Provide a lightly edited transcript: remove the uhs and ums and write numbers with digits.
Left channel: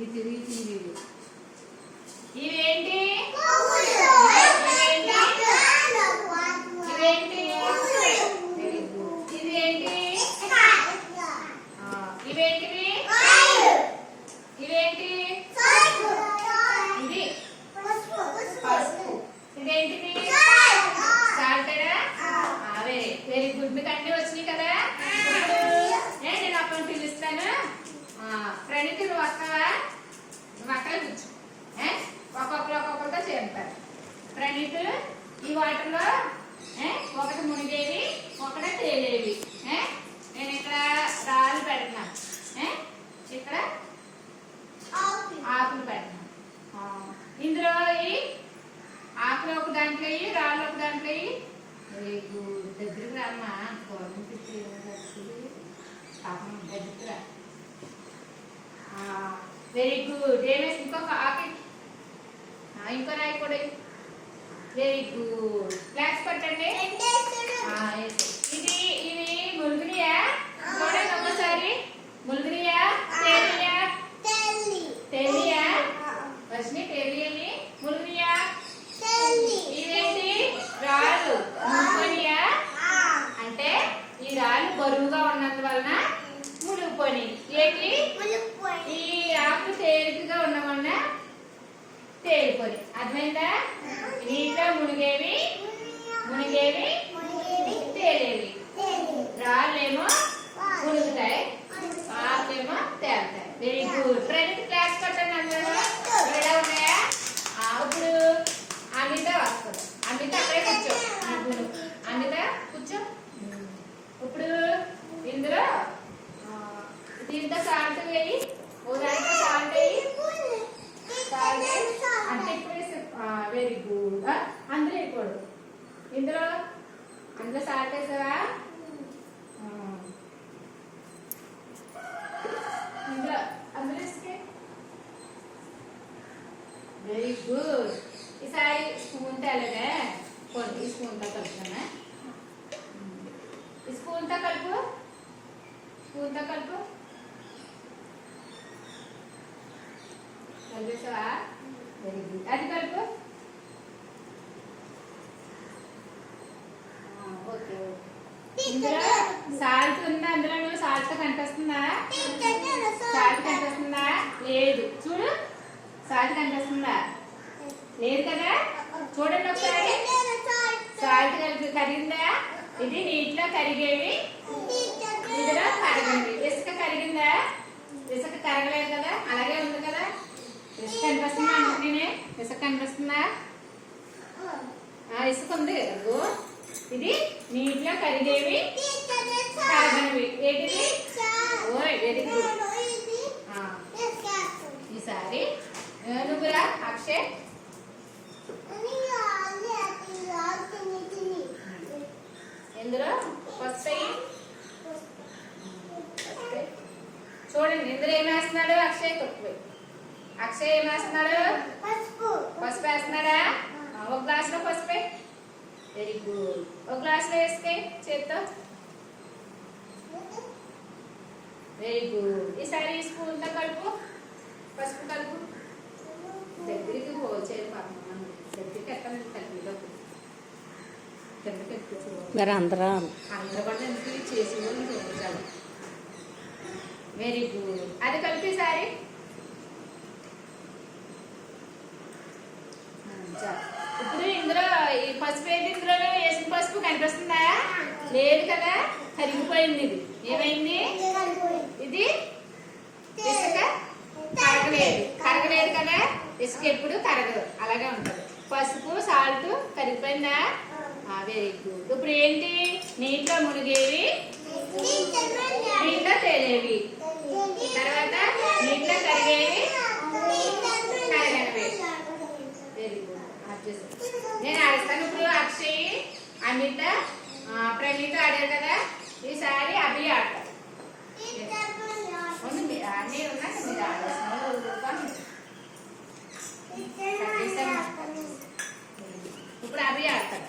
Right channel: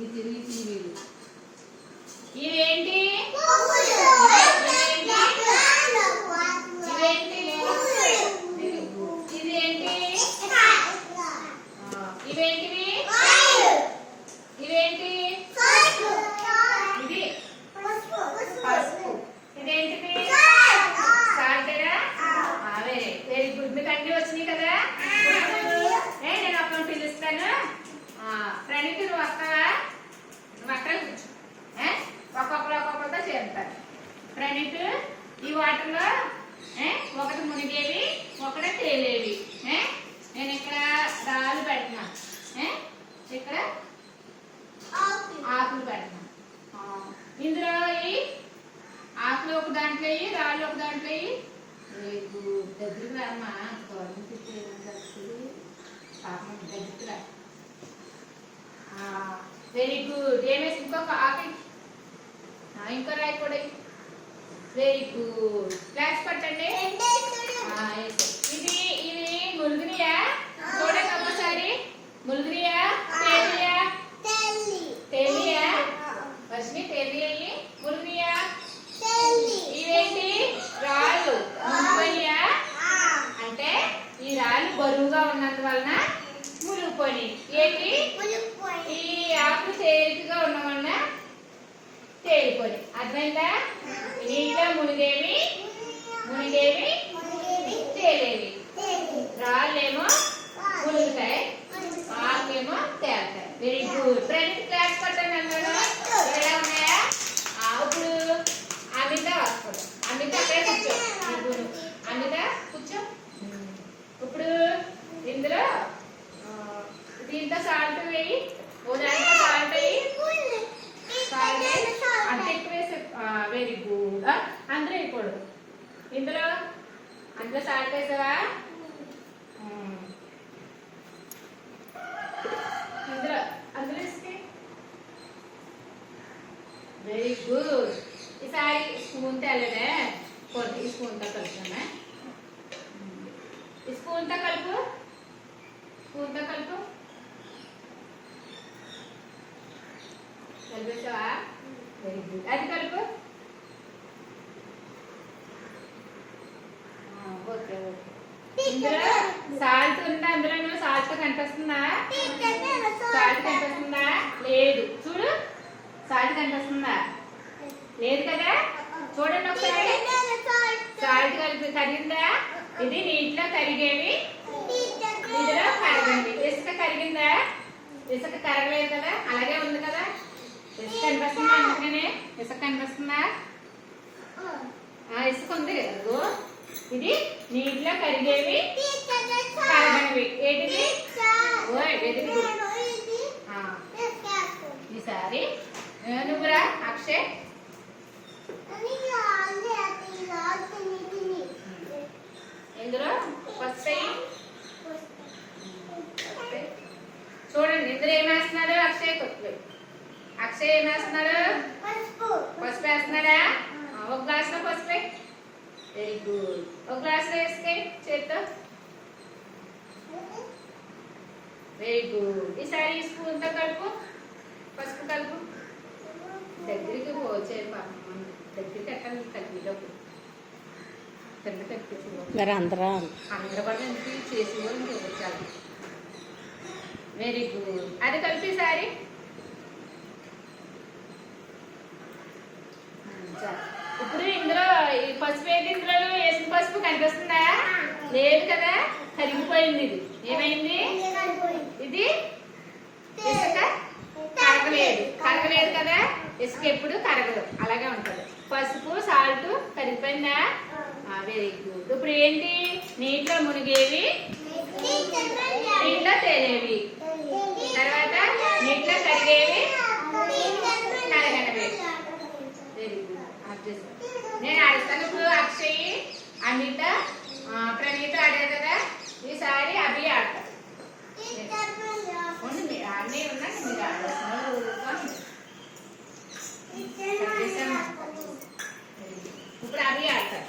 ఈ తిరిగి తిరిగి ఇవేంటి? ఇవేంటి? ఇదేంటి? ఇవేంటివి? ఇవేంటి? ఇది పసుపు. ఇదేంటిది? సాల్టేడా? Very good. మీకు అన్ని వచ్చినాయి కదా. నేను అప్పుడు పిలుస్తాను. ప్రణీతి నువ్వు వస్తావా? నువ్వు అక్కడ కూర్చో. ఒక్కొక్కరితో చేరుతారు. ప్రణీత్ ఈ వాటర్లో ఒకటి మునిగేవి, ఒకటి తేలేవి. నేను ఇక్కడ రాళ్ళు పెడుతున్నాను, ఇక్కడ ఆకులు పెడుతున్నాను. ఇందులో ఈ ఆకులు ఒక దాంట్లో రాళ్ళు ఒక దాంట్లో రేపు దగ్గరికి రామ్మా. పాపం దగ్గరికి రా. Very good. ఏమేసి ఇంకొక ఆకు, ఇంకో రాయి కూడా. Very good. ఫ్లాగ్స్ పట్టండి. ఇది ఇది ములుగునియా? చూడండి ఒకసారి. ములుగునియా తేలియా? తేలియా వర్షిని? తేలియని ములుగునియా? ఇవేంటి? రాళ్ళు. మునిగిపోయినాయా? అంటే ఈ రాళ్ళు బరువుగా ఉన్నందువలన మునిగిపోయి. ఏంటి? ఈ ఆకులు తేలికగా ఉన్న వలన తేలిపోయి. అర్థమైందా? నీటిలో మునిగేవి తేలేవి. రాళ్ళేమో మునుగుతాయి, ఆకులేమో తేలుతాయి. Very good. ప్రణీత్ క్లాస్ పట్టండి. అందరూ ఎలా ఉన్నాయా? ఇప్పుడు అమిత వస్తుంది. అమిత అక్కడే కూర్చో. అమిత కూర్చో. ఇప్పుడు ఇందులో దీంతో సాల్ట్ వేయి, ఓ దాంట్లో సాల్ట్ వేయి. అంత ఎక్కువ వేసి. Very good. అందులో వేయకూడదు. అందులో సాల్ట్ వేసావా? అందులో వేస్తే వెరీ గుడ్. ఈసారి స్పూన్ తేలేదే, ఈ స్పూన్తో కలుపుతామా? ఈ స్పూన్తో కలుపు. కలిపేసావా? Very good. అది కలుపు. Okay okay. ఇందులో సాల్ట్ ఉందా? అందులో సాల్ట్ కనిపిస్తుందా? సాల్ట్ కనిపిస్తుందా? లేదు. చూడు, సాల్ట్ కనిపిస్తుందా? లేదు కదా. చూడండి ఒకసారి. సాల్ట్ కరిగిందా? ఇది నీటిలో కరిగేవి, ఇందులో కరగండి. ఇసుక కరిగిందా? ఇసుక కరగలేదు కదా, అలాగే ఉంది కదా. ఇసుక కనిపిస్తుందా? అందుకనే ఇసుక కనిపిస్తుందా? ఇసుక ఉంది. అదిగో ఇది నీటిలో కరిగేవి, కరగనివి. ఏంటిది? ఈసారి నువ్వురా అక్షయ్. ఇందులో వస్తాయి. చూడండి, ఇందులో ఏమేస్తున్నాడు అక్షయ్? అక్షయ్ ఏమేస్తున్నాడు? పసుపు వేస్తున్నాడా? ఒక గ్లాసులో పసుపు. Very good. ఒక గ్లాసులో వేస్తే చేత్తో. Very good. ఈసారి ఈ స్పూన్తో కలుపు, పసుపు కలుపు. దగ్గరికి పోచే దగ్గరికి ఎట్టాలి కలిపేటప్పుడు అందరూ కూడా చేసి వాళ్ళు చూపించాలి. Very good. అది కలిపి ఈసారి. ఇప్పుడు ఇందులో ఈ పసుపు ఏంటి? ఇందులో వేసిన పసుపు కనిపిస్తుందా? లేదు కదా, కరిగిపోయింది. ఇది ఏమైంది? ఇది ఇసుక కరగలేదు కదా. ఇసుక ఎప్పుడు కరగదు, అలాగే ఉంటది. పసుపు సాల్ట్ కరిగిపోయిందా? Very good. ఇప్పుడు ఏంటి? నీటిలో మునిగేవి, నీటిలో తేలేవి, తర్వాత నీటిలో కరిగేవి, కరగనివి. Very good. నేను ఆడిస్తాను. ఇప్పుడు అక్షయ్, అనిత, ప్రణీత ఆడారు కదా. ఈసారి అభి ఆడతారు. అన్నీ ఉన్నాయి, మీరు ఆడేస్తున్నారు. ఇప్పుడు అభి ఆడతారు.